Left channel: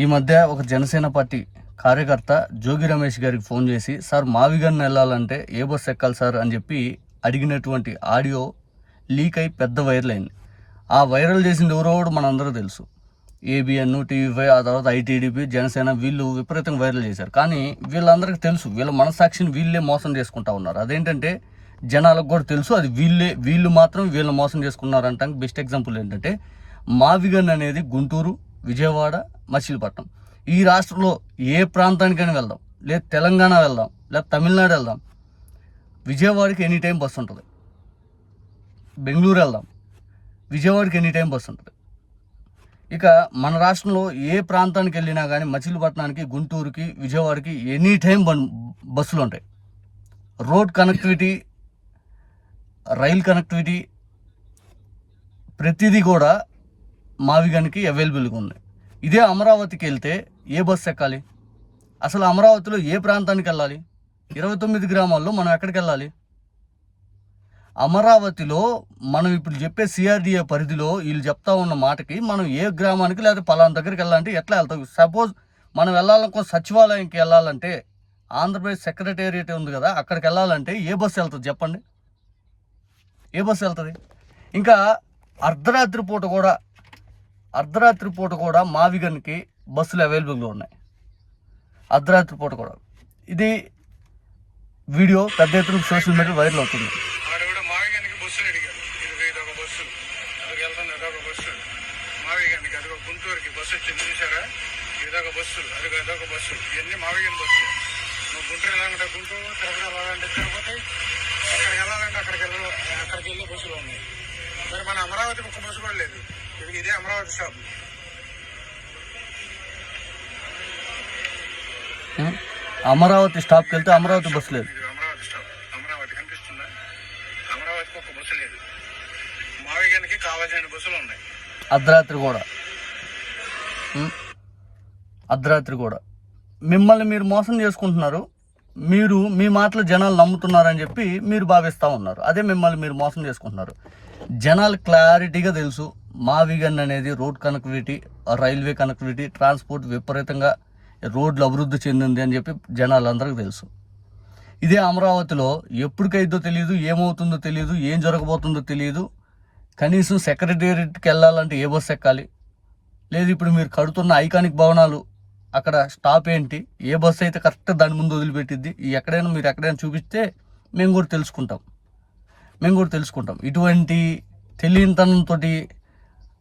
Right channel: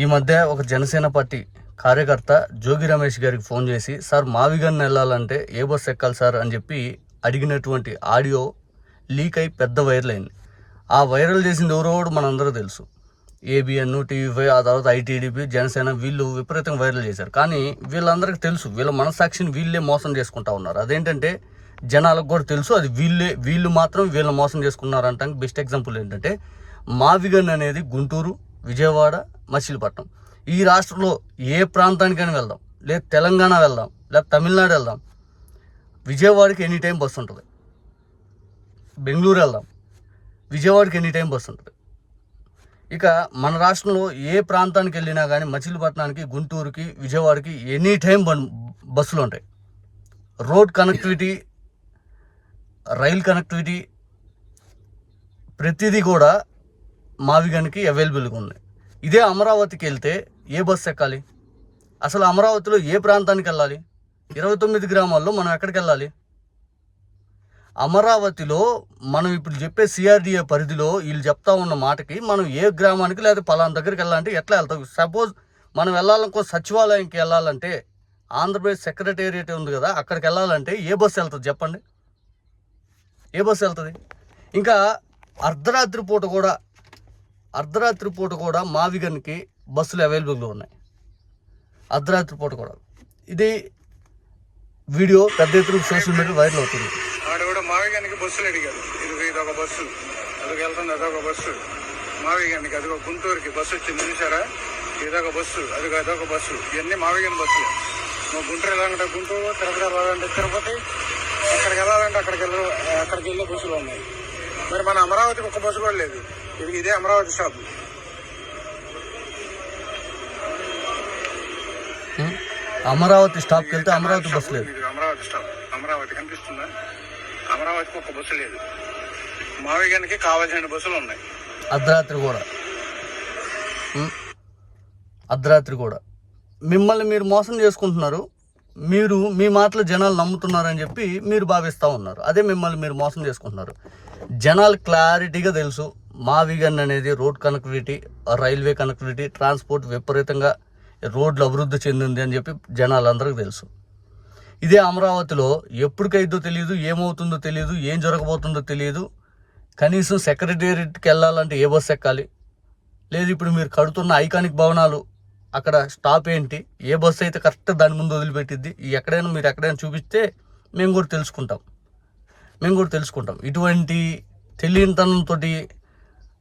ఈ మధ్య ఒక జనసేన పార్టీ కార్యకర్త జోగి రమేష్ గారికి ఫోన్ చేసి, సార్ మావిగన్ వెళ్ళాలంటే ఏ బస్సు ఎక్కాలి సార్ అని చెప్పి అడిగినటువంటి ఆడియో లీక్ అయి పెద్ద వైరల్ అయింది. ఆ వైరల్ చేసింది ఎవరో మనందరూ తెలుసు. ఏబిఎన్, టీవీ5, ఆ తర్వాత ఐటీడీపీ, జనసేన వీళ్ళు విపరీతంగా వైరల్ చేశారు. కానీ వీళ్ళందరికీ తెలుసు వీళ్ళ మనసాక్షిని వీళ్ళే మోసం చేసుకుంటా ఉన్నారు. అదేంటంటే జనాలకు కూడా తెలుసు అది వీళ్ళు మాత్రం వీళ్ళని మోసం చేసుకున్నారంటానికి బెస్ట్ ఎగ్జాంపుల్ ఏంటంటే మావిగన్ అనేది గుంటూరు, విజయవాడ, మచిలీపట్నం ఈ రాష్ట్రంలో ఏ ప్రాంతానికైనా వెళ్దాం, లేదా తెలంగాణ వెళ్దాం, లేదా తమిళనాడు వెళ్దాం, విజయవాడకి ఎనీ టైం బస్సు ఉంటుంది. బెంగళూరు వెళ్దాం, విజయవాడకి ఎనీ టైం బస్సు ఉంటుంది. ఇక మన రాష్ట్రంలో ఏ ప్రాంతానికి వెళ్ళినా కానీ మచిలీపట్నానికి, గుంటూరుకి, విజయవాడకి ఎనీ టైం బస్సులు ఉంటాయి. రోడ్ కనెక్టివిటీ, రైల్ కనెక్టివిటీ ప్రతిదీ కూడా మావిగన్కి అవైలబుల్గా ఉన్నాయి. ఇదే అమరావతికి వెళ్తే ఏ బస్సు ఎక్కాలి? అసలు అమరావతిలో ఏ ప్రాంతానికి వెళ్ళాలి? 29 గ్రామాల్లో మనం ఎక్కడికి వెళ్ళాలి? అమరావతిలో మనం ఇప్పుడు చెప్పే సిఆర్డిఏ పరిధిలో వీళ్ళు చెప్తా ఉన్న మాటకి మనం ఏ గ్రామానికి లేదా పలానా దగ్గరికి వెళ్ళాలంటే ఎట్లా వెళ్తాం? సపోజ్ మనం వెళ్ళాలనుకో సచివాలయంకి వెళ్ళాలంటే ఆంధ్రప్రదేశ్ సెక్రటేరియట్ ఉంది కదా, అక్కడికి వెళ్ళాలంటే ఏ బస్సు వెళ్తుంది చెప్పండి? ఏ బస్సు వెళ్తుంది? ఇంకా అర్ధరాత్రి పూట కూడా మావిగన్కి బస్సులు అవైలబుల్గా ఉన్నాయి. అర్ధరాత్రి పూట కూడా ఇది వీడియో పెద్ద ఎత్తున సోషల్ మీడియా వైరల్ అవుతుంది. ఆడ కూడా మావిగన్కి బస్సులు అడిగారు. ఇదొక బస్సు, అదొక వెళ్తుంది, అదొక బస్సు. మావిగన్కి అదొక గుంటూరుకి బస్సు వచ్చింది చూసారా? ఇదొక బస్సు, అదొక బస్సు. ఇవన్నీ మావిగన్ బస్సులు. నువ్వు గుంటూరు వెళ్ళాలంటే గుంటూరు, తిరుపతి వెళ్ళాలంటే తిరుపతి, అక్కడికి వెళ్ళాలంటే అక్కడికి వెళ్ళే బస్సులు ఉన్నాయి. మరి మన అమరావతికి ఒక్క బస్సు కూడా లేదు. ఇదే అమరావతి స్టాప్. అమరావతి స్టాప్కి వెళ్తే అమరావతి బస్సు లేదు. అమరావతి స్టాప్, అమరావతి కనిపిస్తుందా? అమరావతికి ఒక బస్సు లేదు. మావిగన్కి కావాల్సిన బస్సులు ఉన్నాయి. అర్ధరాత్రి కూడా మిమ్మల్ని మీరు మోసం చేసుకుంటున్నారు. మీరు మీ మాటలు జనాలు నమ్ముతున్నారని చెప్పి మీరు భావిస్తూ ఉన్నారు. అదే మిమ్మల్ని మీరు మోసం చేసుకుంటున్నారు. జనాలు క్లారిటీగా తెలుసు మావిగన్ అనేది road connectivity, railway connectivity, transport విపరీతంగా రోడ్లు అభివృద్ధి చెందింది అని చెప్పి జనాలందరికీ తెలుసు. ఇదే అమరావతిలో ఎప్పటికైద్దో తెలియదు, ఏమవుతుందో తెలియదు, ఏం జరగబోతుందో తెలియదు. కనీసం సెక్రటేరియట్కి వెళ్ళాలంటే ఏ బస్సు ఎక్కాలి, లేదు ఇప్పుడు మీరు కడుతున్న ఐకానిక్ భవనాలు అక్కడ స్టాప్ ఏంటి, ఏ బస్సు అయితే కరెక్ట్ దాని ముందు వదిలిపెట్టిద్ది, మీరు ఎక్కడైనా చూపిస్తే మేము కూడా తెలుసుకుంటాం. ఇటువంటి తెలియనితనంతో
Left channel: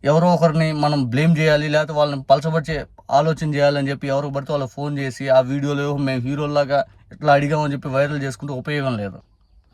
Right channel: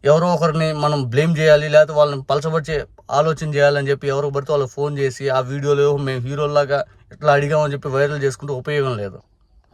ఎవరో ఒకరిని మనం బ్లేమ్ చేయాలి, లేకపోతే వాళ్ళని పలచబట్టి ఆలోచన చేయాలని చెప్పి ఎవరికి పడితే వాళ్ళకి ఫోన్ చేసి ఆ వీడియోలో మేము హీరోలాగా ఇట్లా అడిగామని చెప్పి వైరల్ చేసుకుంటే ఉపయోగం లేదు.